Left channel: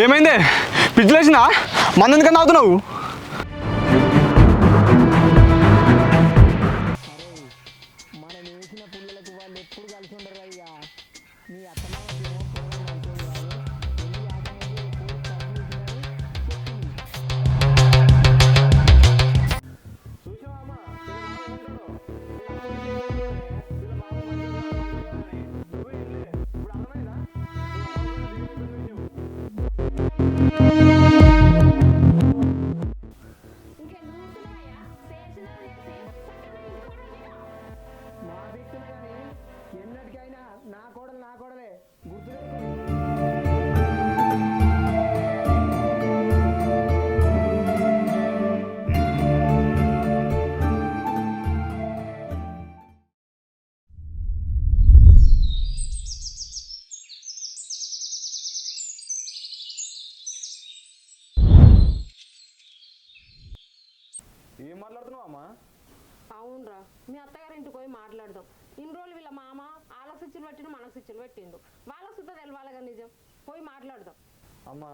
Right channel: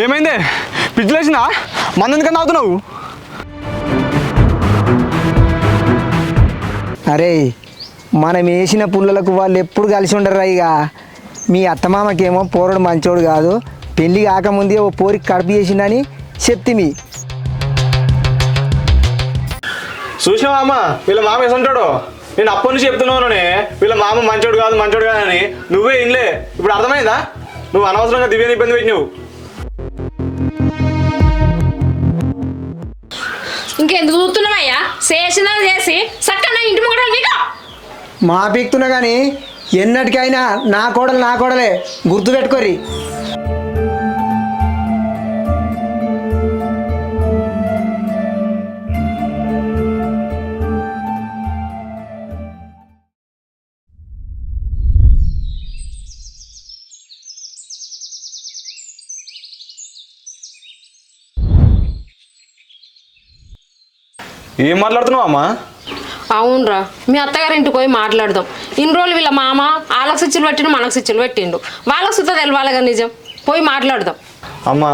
ఏమైంది? పిచ్చిలేసిందా? మంది ఎందుకని తాగుతున్నావు? అరే మనం వేసిన పుల్లలకు వాళ్ళు ఎప్పుడు కలిసి ఉండరు. ఇక మీ అత్తమామకేమో పోరడు మంచోడు కాదు, పెళ్ళి కాకముందే ఓ పోరికి కడుపు చేసిందని చెప్తిమి. చూసినావా అమ్మ, వీళ్ళ మామ వేసుంటాడు. నేను అప్పటి నుంచి చెప్తున్నావునే వీళ్ళ మామ మంచోడు కాదు అని. నువ్వే ఇన్లే. ఇప్పుడు అర్థమైందా? నువ్వు అనవసరంగా దివ్యాన్ని ఇబ్బంది పెట్టినావు. ఇంకెందుకు చూస్తున్నావయ్యా? చేసినా చేసి చక్కగా ఇంటి ముంగట నీకు మా పీక్తున్నా కానీ ఎన్నటికైనా నా కోడలే గుర్తుపెట్టుకోరి. ఏం మాట్లాడుతున్నావు అమ్మా? అవునరా, మీ అత్తగారింటికి పోయి మాట్లాడదాం. ఇన్ని రోజులు వీళ్ళ మామ వాళ్ళకి స్విచ్చులు పెట్టిండు, మనకు స్విచ్చులు పెట్టిండు. వాళ్ళకి సుత తెలవాలిగా నిజం. పోయి మాట్లాడదాం. అమ్మా,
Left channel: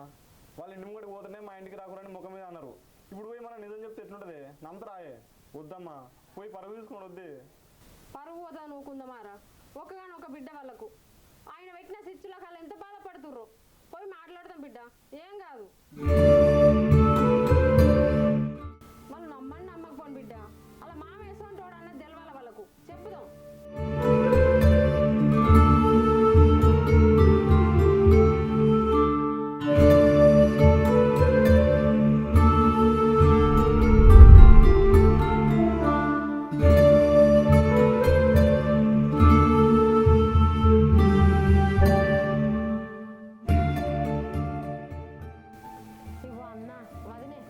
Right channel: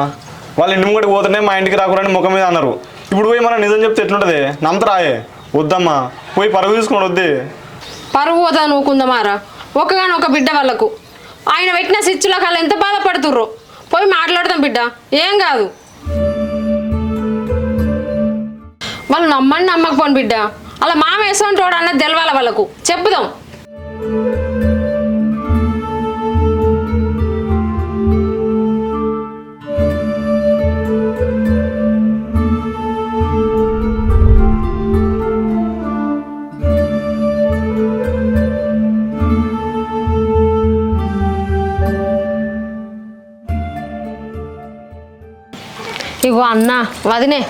వాళ్ళ ఇంటి ముంగడికి పోతుంటే మా ఇంటికి రాకూడని ముఖం మీద అన్నారు. ఇప్పుడు పోయి మనం నిజం చెప్తే ఎట్లుంటుంది? నమ్మతరాయే. వద్దమ్మా, పోయి పరుగు తీసుకుని వద్దే. పరువు పోతా నూకుందామారా? ఒక బిడ్డ వాళ్ళకు ఆయన పెట్టిన స్విచ్చులకు వాళ్ళు ఎంత బాధపడుతుర్రో. పోయి మాట్లాడదాం బిడ్డ, ఏం కాదు. వాళ్ళు నమ్మని నమ్మకపోను బిడ్డ. అలా మామ వేసుకుంటాడు అన్నది తెలవాలి వాళ్ళకు. చెప్పుదాం. ఇగో అన్న వదినే,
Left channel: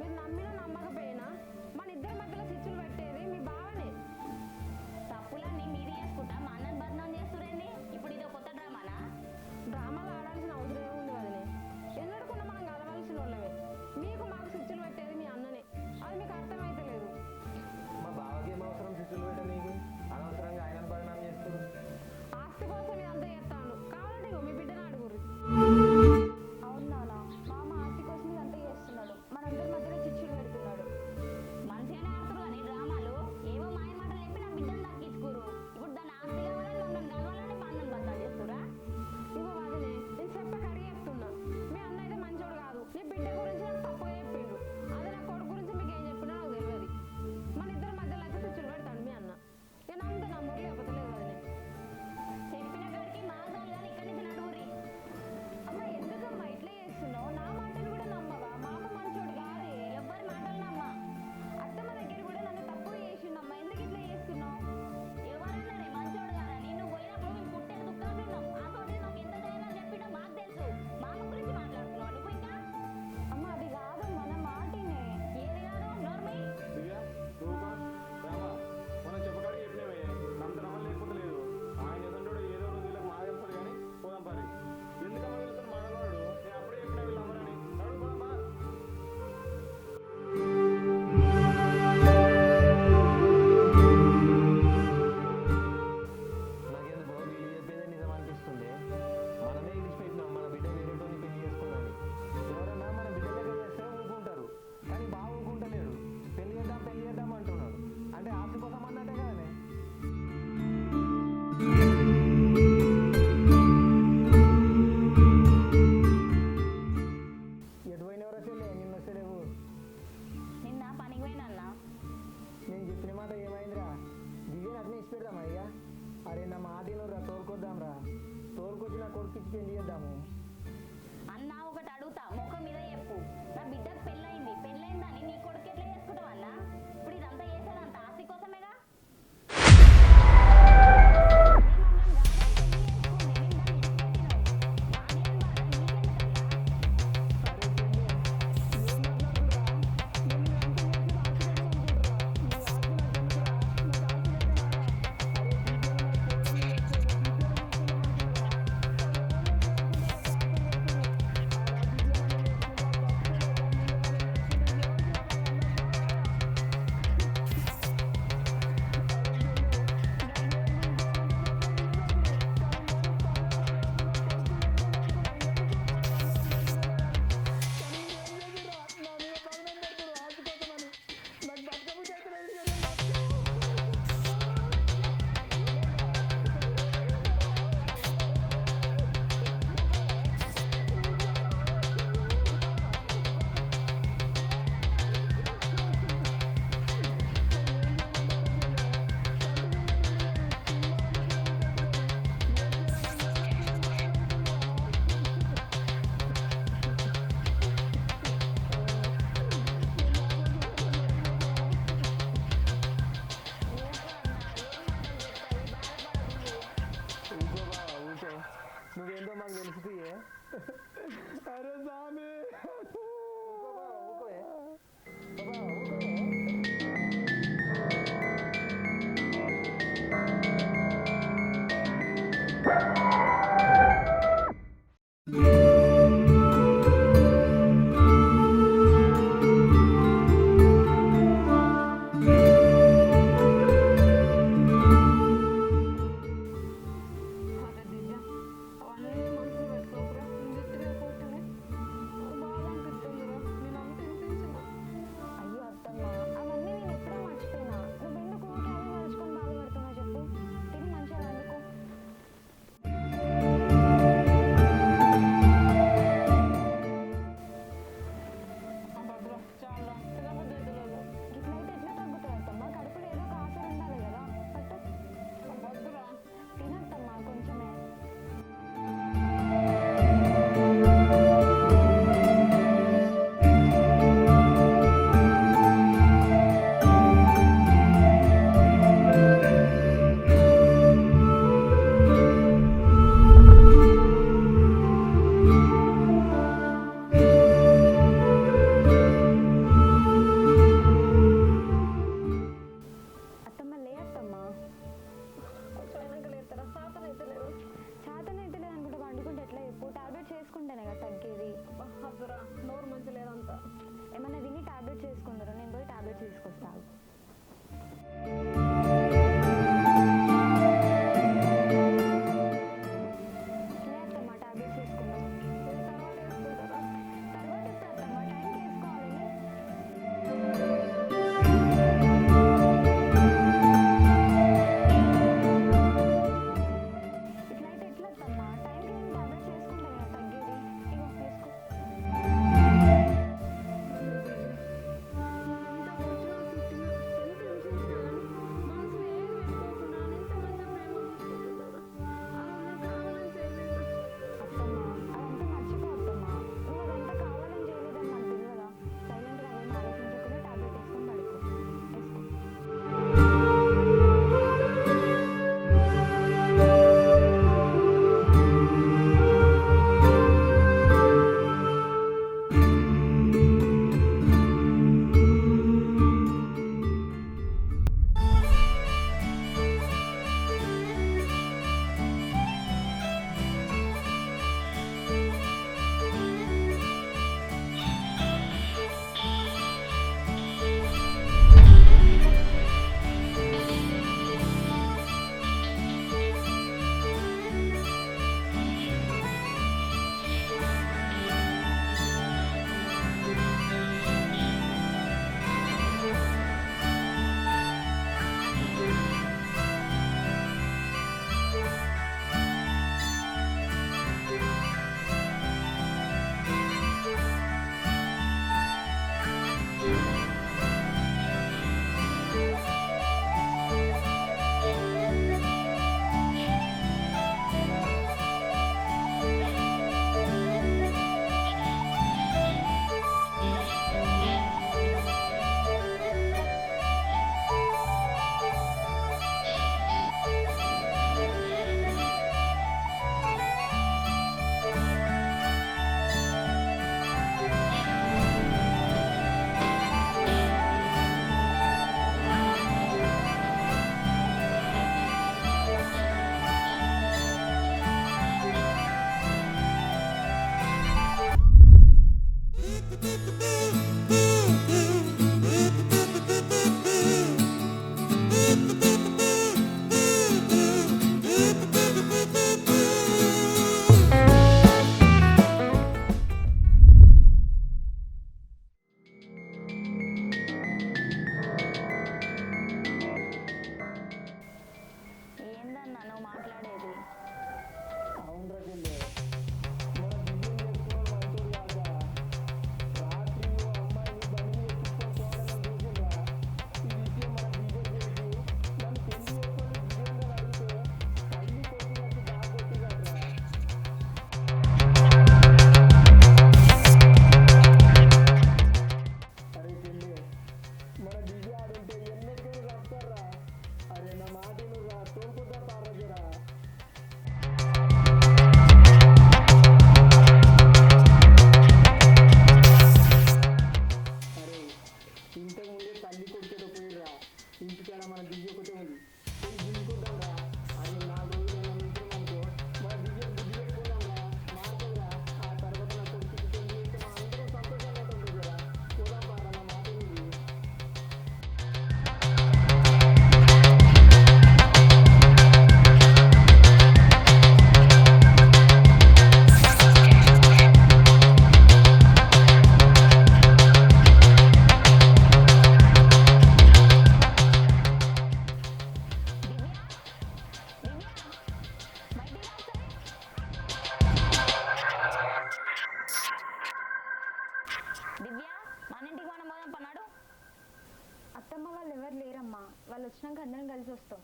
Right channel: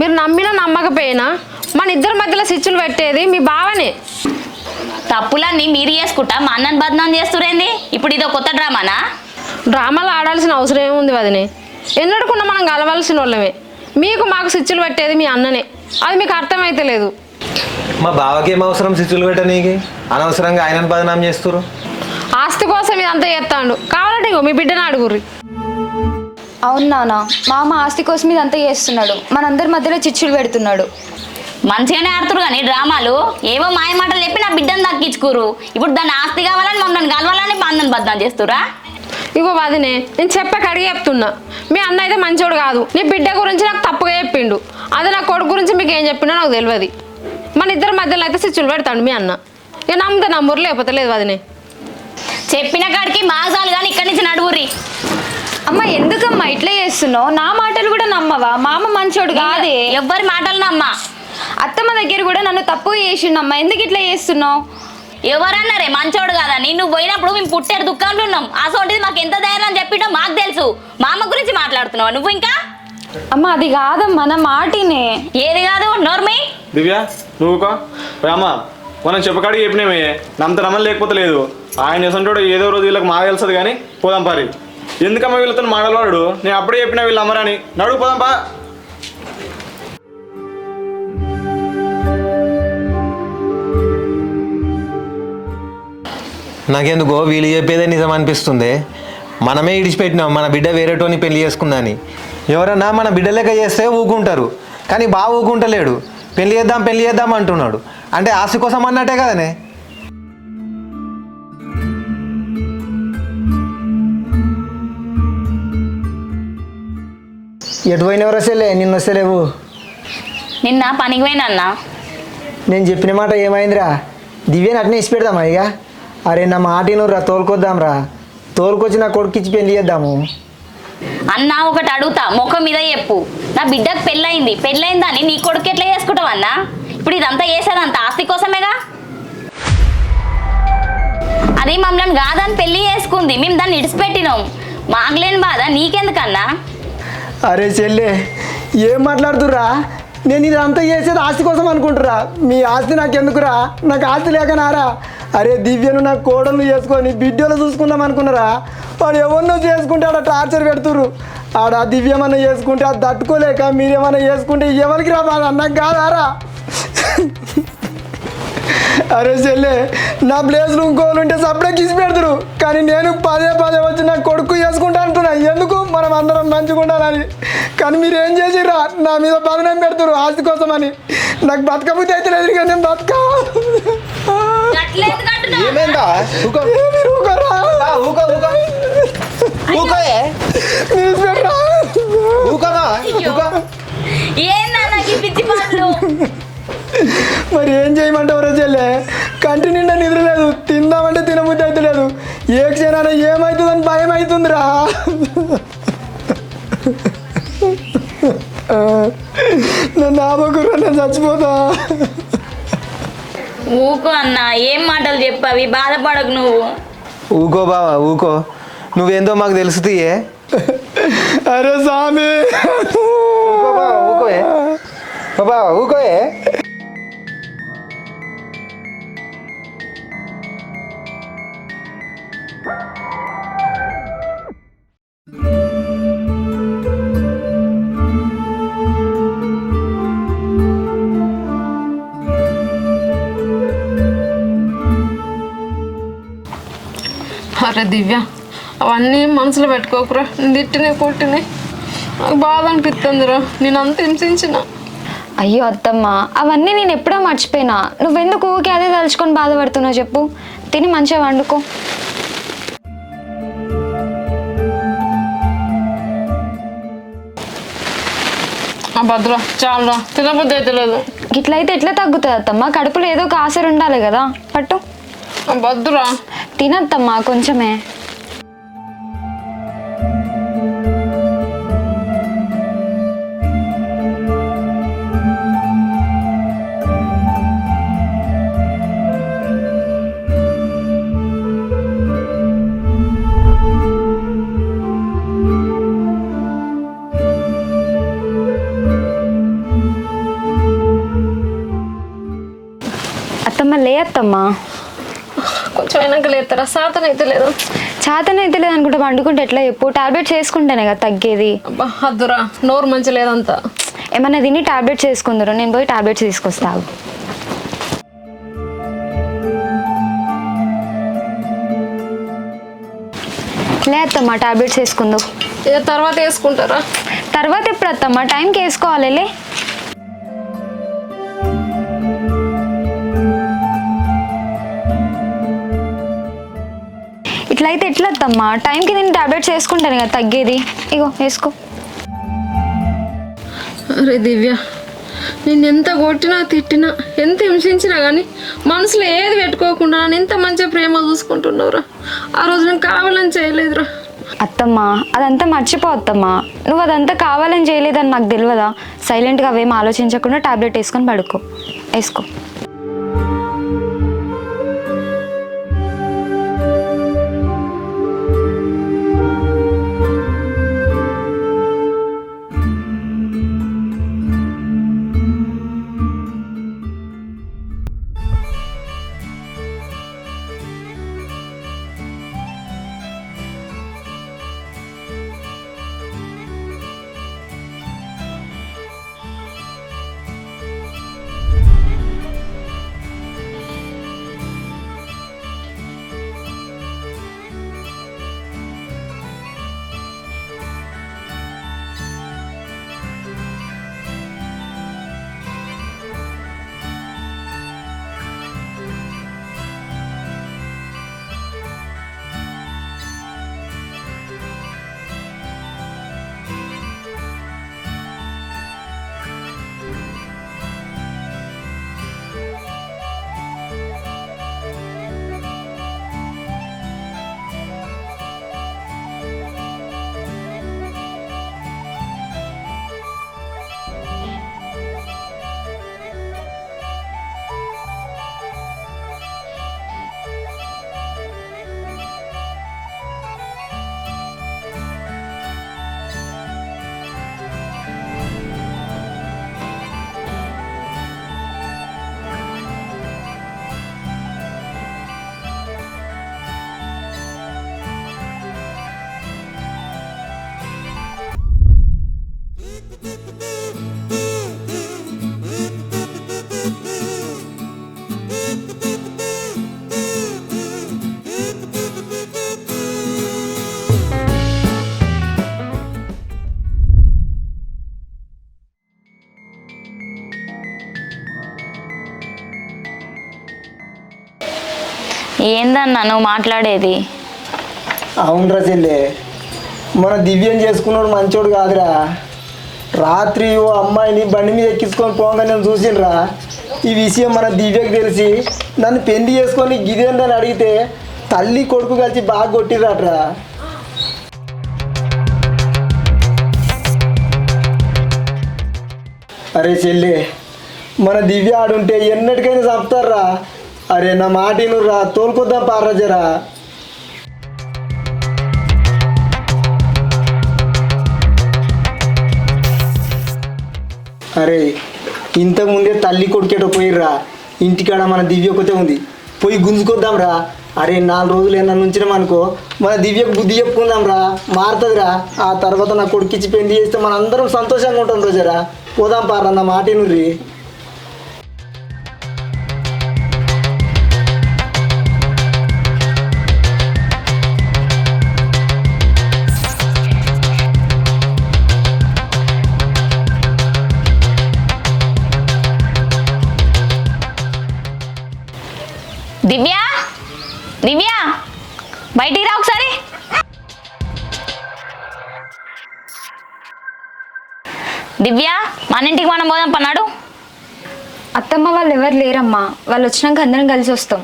మీరు నమ్మినా నమ్మకపోయినా మన ఇద్దరి మధ్యలో స్విచ్చులు పెట్టేది మీ బావనే. తప్పులన్నీ మీరు చేసుకుంటా మా అన్నని బదనాం చేస్తురేంది? ఇప్పుడు ఇదో కొత్త డ్రామానా? డ్రామాలు ఆడాల్సిన అవసరం ఏముంది వదినే? ఎన్నడకుండా మనం కలవాల్సిన వాళ్ళమే. మీకు మాకు స్విచ్చులు పెట్టేది మీ అన్ననే. అది మీకు అర్థమైతే లేదు. మా బావకి ఏం అవసరం స్విచ్చులు పెట్టనీకి? అనవసరంగా ఆయనను బదనాం చేస్తురు. ఆస్తి కోసం ఇదంతా చేస్తాడు. కావాలంటే ఇగో మీ బిడ్డను అడుగుర్రి. అవును నాన్న, మామ ఆస్తి కోసం ఇదంతా చేస్తున్నాడు. మనందరి మధ్యలో చిచ్చులు పెడుతున్నాడు. మంచిగానే ఆడుతురు కానీ డ్రామాలు ఏవో మాయ మాటలు చెప్పి నా బిడ్డను దక్కించుకోరు. ఇప్పుడు దాన్ని ఆస్తి కావాలని మమ్మల్ని కలవాలని మా అన్నని బదనాం చేస్తురా? ఇగో వదినే, నేను చెప్పక అడిగి చెప్తున్నా. మీ అన్న అయితే మంచోడు కాదు. నీ బిడ్డ గురించి నాకు తప్పుగా చెప్పిండు. అదే నా కొడుకు గురించి మీకు ఏం చెప్పినా నాకు తెలియదు. మన ఇద్దరి మధ్యలో అయితే స్విచ్చులు పెడతాడు మీ అన్న. ఇక నమ్మితే నమ్మూరు, లేకపోతే లేదు వదినే. చెప్పిన కాడికి మాసాలు కానీ ఇక్కడి నుంచి నడువురి. అమ్మ ఎందుకమ్మా ఇట్లా చేస్తున్నావు? నా మాటలు కూడా నమ్మవా? మామ మంచోడు కాదే. ఎవ్వరి మాటలు నమ్మా. అత్తమ్మ దగ్గర కూడా నన్ను తప్పుగా చేసిండమ్మా. ఎందుకు ఇట్లా చేస్తున్నావు? ఎవరన్నారే మంచోడు కాదని? నువ్వు పోయినప్పుడు మేము పుట్టారు దుఃఖంలో ఉన్నాం. అసోంటిది మాకు ఎంత ధైర్యం అని చెప్పిటో మాకు తెలుసు. మా అమ్మ గురించి మాట్లాడుతున్నావు నువ్వు ఇంకా? అమ్మ అది కాదమ్మా, నా మాటినే. ఏది కాదు నోర్మి. దివ్య నువ్వు అమ్మా, మనం చెప్పకాడికి చెప్పినామే. నమ్మత నమ్మని లేకపోతే లేదు. ఆయన చేస్తుంటాడు ఏదో రోజు వీళ్ళకి మాకు తెలుస్తుంది కానీ పోదాం పారి. ఎందుకమ్మా వీళ్ళతో మాడలవాడు? నేను అప్పుడే చెప్పినా వీళ్ళు అమ్మరని. నడుగు పోదాం పా. నాకెందుకో వీళ్ళు చెప్పేదే నిజం అనిపిస్తుంది. మనమే ఇడిచిపెట్టినాం మన బిడ్డ వేరేటోని పెళ్లి చేసుకుందని. ఎవరన్నా మన బిడ్డ లెక్క చేస్తే ఊకుంటారు, కానీ బాగా ఊకుంటలేడు. పెళ్లి చేద్దాం అంటున్నాడు. అంటే ఆస్తి కోసం అన్నట్టే కదనే. ఎటు పోయినవరు వస్తేలే, నిన్ను వస్తలేవు. నిన్న పనికి పోయినా. నేను చెప్పిన మాట ఏమైందిరా? దివ్యని అట్నే ఇచ్చి పెడదామా ఇక? అరే నా మాటినురా, తోలుకొద్దాంరా. తోలుకొచ్చి నా కొడుకు ఇచ్చి పెళ్లి చేద్దాము. అన్న ఒకటి అడుగుతా, ముఖం మీద చెప్పు. నా బిడ్డకు పెళ్ళయిందని నీ కొడుకు ఎట్లా చేసుకుంటావు అన్నా? ఇప్పుడు ఇదంతా చేసేదంతా ఆస్తి కోసమేగా. అది మమ్మల్ని కాదని పెళ్లి చేసుకుంది, మేము దాన్ని ఇడిచిపెట్టినాం. మాగలేని బాధ నీకెందుకన్నా? అరే చెల్లె, ఏం మాట్లాడుతుర్రా? నేను ఇదంతా చేసేది ఆస్తి కోసం అనుకుంటురా. మీ ఆస్తి నాకెందుకురా? నాకు ఆస్తి లేకనారా? అరే దివ్యను నా కోడలు చేసుకొని బిడ్డలు చూసుకుందాం అనుకున్నారా? వాడు ఎవరినో చేసుకుంటే ఆడ టార్చర్ పెడుతురు. ఆడ దివ్యమన్నా చేసుకుంటే అది తట్టుకోలేక మీరేమన్నా చేసుకుంటే ఎవరికి రా బాధ? నాకు కాదారా? అరే చెల్లె, నా ప్లేస్లో ఇంకోళ్ళు ఉంటే సపరేట్ కిసి పెడతారు, కానీ నేను పదే వచ్చి నా కొడుకు చేసుకుంటా అంటున్నా. ఎందుకు? మనం అందరం కోసం అని నాకు బతకబుద్ధి అయితే లేదు కానీ నేను బతకా ఏమైందా ఊకో మీరు ఊరుకోరా? ఊకో ఊకో ఊకోయే న్యూస్ పేపరా? ఊకోమా ఊకో ఏందన్నా ఈ పిచ్చి పాటలు? మరి ఏం చేయమంటావు రోజులే కంటి నిండా నిద్ర లేదు, తిందామంటే తినబుద్ధి అయితే లేదు, ఏ క్షణాన ఏమవుతుందని భయం అవుతుందిరా. నన్ను ఆపకురా, నేను చచ్చిపోతా. ఊకో అన్న, ఏం మాటలు చెప్పావి, బాధపడకు నువ్వు. ఊకో బావా ఊకో, నువ్వేందో మాకు తెలుసుతీయే. అరే స్వామి, ఊకోయే బాబా ఊకోయే. అరే దివ్య, అవన్నీ మనసులో పెట్టుకోకురా. నేను తిట్టినాయి కొట్టినాయి, నాకు బాధ అనిపిస్తుందిరా. నేను అంత హింసించిన. అయ్యో అత్తమ్మ, అవన్నీ నేను ఎప్పుడో మర్చిపోయినా. నువ్వెందుకు ఊరికే అదే తలుచుకొని బాధపడుతున్నావు చెప్పు. తిని మంచిగా వండుకో. భద్రా చాలా తినబుద్ధి అయితే లేదు. ఇట్లయితే ఎట్లా తగ్గుతుంది అత్తమ్మ? కడుపులో ఏదో ఒక ఆశలు ఉండాలి కదా. పట్టు భద్రా, తినత్తమ్మా కొంచెమే. అత్తమ్మ లే అత్తమ్మా. కొంచెం అయినాక లేస్తారా? సాతన అయితే లేదు. చేతన అయితే లేదు అనుకుంటా. వండుకుంటే ఎట్లా చెప్పు? టాబ్లెట్స్ వేసుకుంటేనే కదా తగ్గేది. అబ్బా అద్దురా, నోరు మంచి లేదంతా. ఏమన్నా తిని టాబ్లెట్స్ వేసుకుందరు, నేను పోయి టాబ్లెట్స్ తీసుకొస్తాను. లే అత్తమ్మా, టాబ్లెట్స్ వేసుకుందాం. ఇక తర్వాత వేసుకుంటారా? తర్వాత ఎప్పుడు అత్తమ్మా? టైంకి వేసుకోవాలి. లే ఇట్లయితే ఎట్లా అత్తమ్మా? టైంకి నేను టాబ్లెట్స్ వేసుకుంటాను కదా తగ్గేది. ఇగో వేసుకో. అరే దివ్య, నేను ఎంత కొట్టినా తిట్టినా ఎంత హింసించినా కానీ మనసులో ఏది పెట్టుకోకుండా నన్ను ఎంత మంచిగా ప్రేమ చూసుకుంటున్నావురా. ఆ రోజు నేను కావాలని చేయలేదురా. అత్తమ్మా అదంతా మర్చిపో అత్తమ్మా. నువ్వు అదంతా కావాలని చేయలేదని నాకు తెలియదా? సైలెంట్గా అవేం ఆలోచించకుండా టాబ్లెట్ వేసుకొని పడుకో. వేసుకో. ఏందన్నా నువ్వు మాట్లాడేది? అవునరా చెల్లె, మన దివ్యం చేసుకున్నాడు మంచోడు కాదురా. రాత్రి ఓ అమ్మాయిని బండి మీద ఎక్కించుకొని పోగా నేను చూసినరా. ఈ విషయం మన దివ్యకి తెలిసి నన్ను పెళ్లి చేసుకొని గిదేందని అడిగితే తల్లి కొడుకు కలిసి బాగా కొట్టిరాట్రా. అరే చెల్లె, మన దివ్య ఆడుంటే ఎన్నటికైనా చంపుతారా. అరే నా మాట రా, తోలుకొద్దాం పార్రా జరా. అరే ఇంతకుముందే తల్లి కొడుకేటో పోయిర్రా. ఇంటికాడ మన దివ్య ఒకతే ఉంది, పోయి గుంజుకొద్దాం రా. అరే 4 రోజులు ఏమన్నా ఉంచినామనుకో మన దివ్యకు బుద్ధి చెప్పుకుందాం రా, మారుతుందిరా. ఆ తర్వాత నా కొడుకిచ్చి పెళ్లి చేస్తే మన అందరం సంతోషంగా ఉంటాం రోజరా. పోదాం పార్రా, నా మాట రీ. దివ్య, దివ్య బయటికి రా ఒకసారి. దివ్య, మన ఇంటికి మనం పోదాం పన్నాడు. అత్తమ్మ వాళ్ళు ఎవరు లేరమ్మా, వాళ్ళు వచ్చినాక అందరం కలిసి వస్తాం.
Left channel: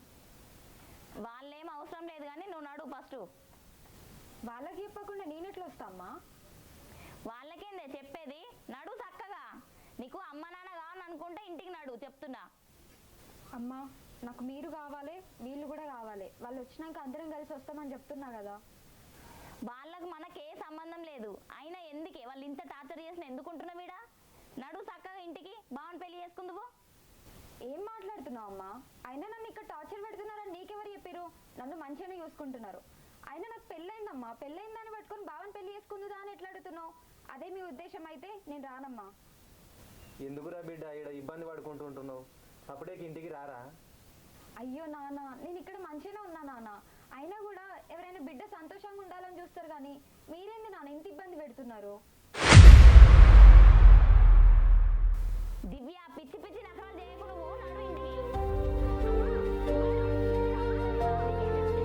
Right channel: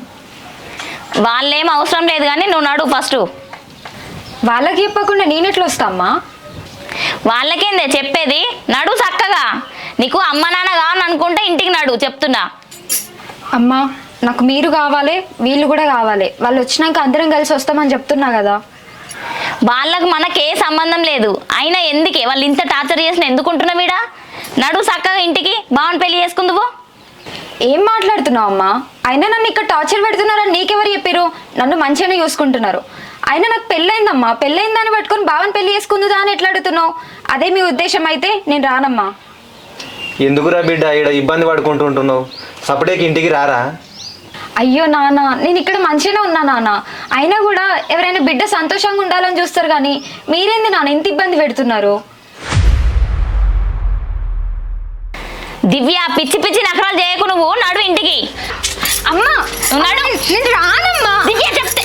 వాళ్ళేం అవసరం లేదు కానీ నువ్వు నడు ఫస్ట్. వాళ్ళకి చెప్పకుండా నేనెట్లా వస్తా అమ్మా? వాళ్ళకేందే చెప్పేది, నడు చక్కగా. నీకు అమ్మ నాన్న కావాలని అనుకుంటే ఇంటికి నడు చెప్తున్నా. అమ్మా నాకు మీరు కావాలి, వీళ్ళు కూడా కావాలి. వాళ్ళు వచ్చినాక అందరం కలిసి వస్తామని చెప్తున్నా కదా. వాళ్ళకు మనకే సంబంధం లేదు. అయినా ఎందుకే వాళ్ళు ఇంత టార్చర్ చేసిన ఎందుకుంటున్నావు వీడా? నడు చక్కగా ఇంటికి, బావని పెళ్లి చేసుకుందువు. ఏం మాట్లాడుతున్నావు అమ్మా? అయినా నన్ను ఇక్కడ టార్చర్ పెడుతున్నారని నీకెవరు చెప్పారు? నన్ను మంచిగానే చూసుకుంటున్నారు. అయినా నాకు పెళ్ళైందమ్మా, పెళ్ళైందని పట్టుకొని బావని పెళ్లి చేసుకుందా అని ఎట్లా అడుగుతున్నావు? అదే మీ ఉద్దేశం అయితే నేను రానమ్మా. ఎందుకురా బిడ్డ ఇక్కడ ఇబ్బంది పడుకుంటుంటున్నావు? సపరేట్కి ఇంటికి రారా? అయ్యో నాన్న, నేను ఇక్కడ మంచిగానే ఉన్నా నాన్న. అయినా కూడా ఎవరైనా బిడ్డ సంతోషంగా ఉండాలని చూస్తారు కానీ మీరేంది నాన్న ఇంత ఇబ్బంది పెడుతున్నారు? దివ్య, పిచ్చి పిచ్చి నకరాలు చేయకు. నువ్వు నడు ఇంటికి. అమ్మా నువ్వు నడు. నేను రానమ్మా. దివ్య చెప్తే